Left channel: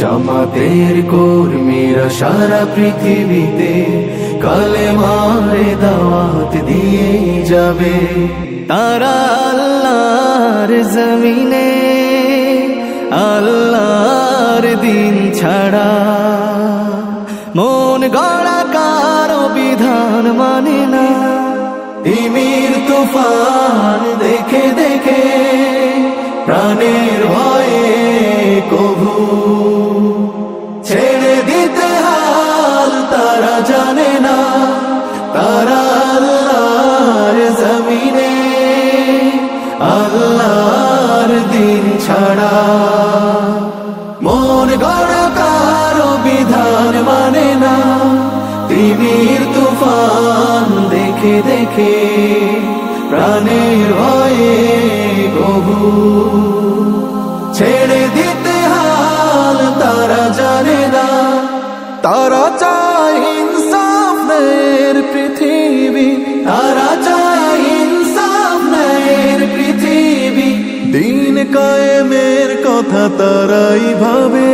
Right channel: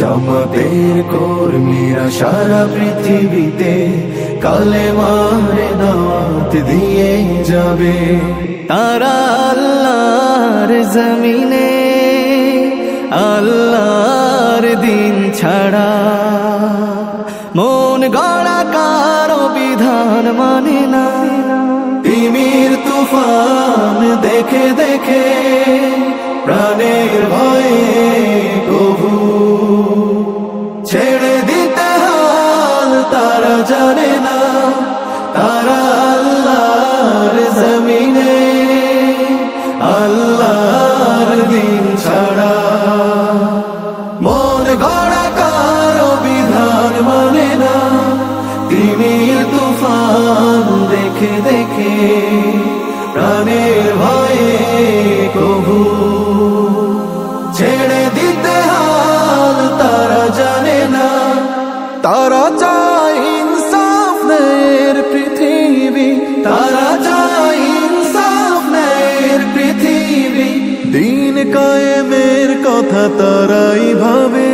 জামাতের কর্মীরা সারা পৃথিবীতে কালেমার দাওয়াত দিয়ে যাবে। তারা আল্লাহর জমিনে আল্লাহর দিন ছাড়া মন গড়া কারো বিধান মানে না। তিমির তুফান দেখে দেখে প্রাণের ভয়ে কভু ছেড়ে দিতে হাল তারা জানে না। তারা আল্লাহর জমিনে আল্লাহর দিন ছাড়া মন গড়া কারো বিধান মানে না। তিমির তুফান দেখে দেখে প্রাণের ভয়ে কভু ছেড়ে দিতে হাল তারা জানে না। তারা চায় ইনসাফ ন্যায়ের পৃথিবী, তারা চায় ইনসাফ ন্যায়ের পৃথিবী। দিন কায়েমের কথা তারাই ভাবে।